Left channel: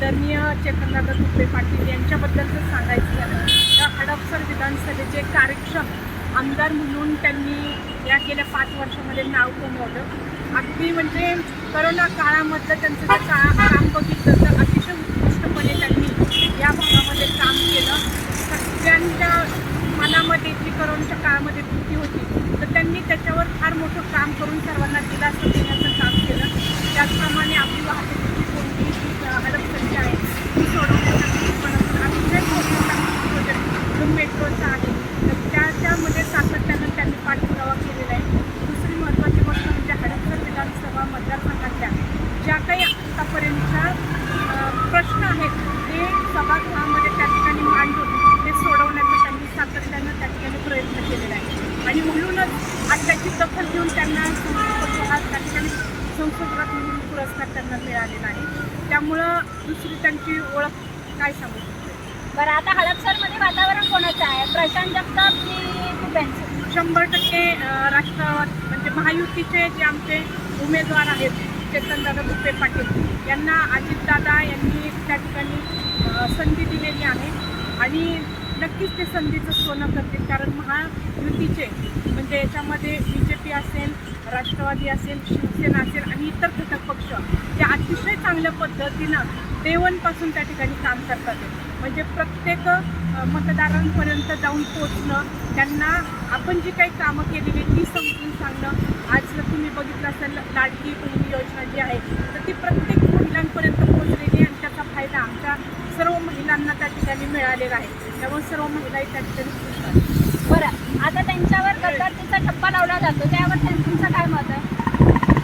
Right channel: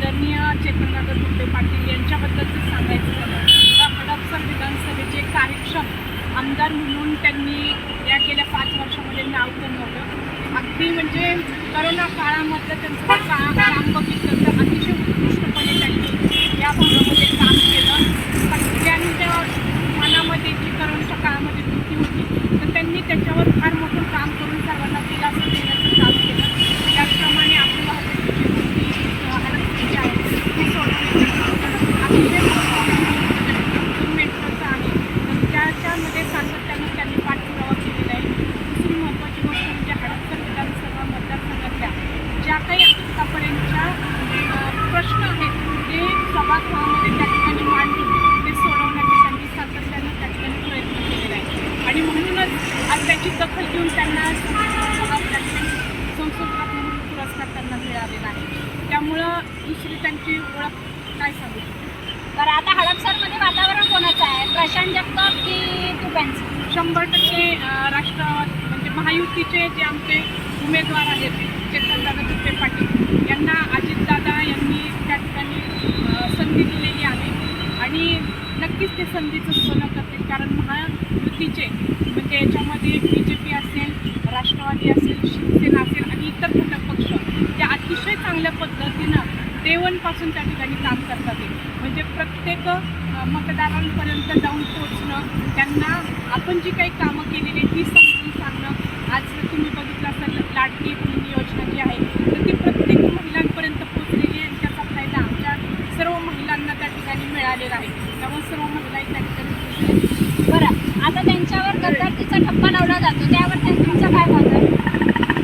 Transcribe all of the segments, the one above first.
आदरणीय चेतनदादा तुपे पाटील यांच्याबद्दलचं सांगायचं झालं तर हडपसर विधानसभेचे कार्यक्षम आमदार म्हणून त्यांनी या गेल्या पाच वर्षामध्ये नाव कमवलं. अगदी म्हणजे करोना काळामधलं त्यांचं जे का काम बघितलं तर अतिशय उत्कृष्टपणे त्यांनी या भागामध्ये काम केलं. सगळ्यांच्या मनामध्ये जी करोनाच्या काळामध्ये भीती होती तर त्यांनी त्याच्यावर फार मोठं काम करून सर्वांना दिलासा देण्यात काम केलं त्याचप्रमाणे आपली वाहतुकीची कोणती हडपसरची आहे ती सोडवण्याच्या दृष्टिकोनातून अतिशय महत्त्वाचा प्रोजेक्ट जो मेट्रोचा आहे तर त्याच्यामध्ये सातत्यानं त्यांनी पाठपुरावा केलेला आहे. दुसरी महत्त्वाची गोष्ट म्हणजे हडपसर विधानसभा मतदारसंघातल्या ज्या काही आतापर्यंतच्या प्रश्न आहेत ते सभागृहामध्ये त्या ठिकाणी मांडून ते सोडवण्याचा त्यांनी सातत्यानं त्या ठिकाणी प्रयत्न केलेला आहे. आणि म्हणूनच आज त्याची दखल घेऊन त्यांना संस्कृत हा त्या ठिकाणी म्हणून पुरस्कार त्यांना मिळालेला आहे. त्यामुळं दुसरी त्यांची ओळख काय सांगू शकते? बरं आता हडपसरमध्ये वातावरण कोणाचं आहे? प्रशांत जगताप की तुब्यांचं शंभर टक्के राष्ट्रवाद म्हणजे महायुतीचे जे आमचे उमेदवार आहेत चेतनदादा दुपे पाटील यांना अजितदादा यांनी त्या ठिकाणी संधी दिलेली आहे. आणि नक्कीच ते संधीचं सोनं करतील कारण महायुतीचे म्हणजे याच्यामध्ये बी जे पी असेल राष्ट्रवादी असेल शिवसेना असेल आणि इतर घटक पक्ष या अतिशय चांगल्या पद्धतीनं देवनपासून त्या ठिकाणी काम करतात. म्हणजे प्रत्येक मतदारांपर्यंत जाऊन पोचणं त्यांना आपण जी काही कामं केलेली आहेत ती समजून सांगणं. आज जर तुम्ही बघितलं असेल लाडकी बहीण योजना जी आहे तर ती प्रत्येक महिलांपर्यंत पोचलेली आहे आणि त्याचा फायदा आमच्या सर्व महिलांना त्या ठिकाणी मिळालेला आहे. त्यामुळे सर्व महिलाही त्या ठिकाणी खुश आहेत. बरं. आता त्यांच्यावर गद्दारकीचा ठप्पा लावला जातो. त्यावर त्यांचं काय मत आहे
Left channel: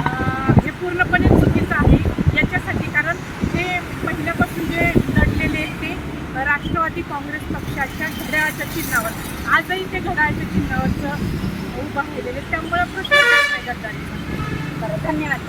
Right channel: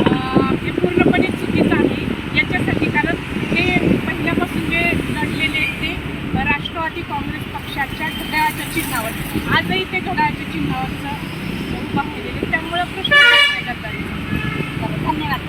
अं, हे पूर्णपणे चुकीचं आहे याच्यासाठी कारण ते पहिल्यापासून जे लढलेले आहेत ते राष्ट्रवादी काँग्रेस पक्षाच्या घड्याळाच्या चिन्हावर आजही ते घड्याळाच्या चिन्हावरचं उभा राहिलेले त्यामुळं प्रश्न धन्यवाद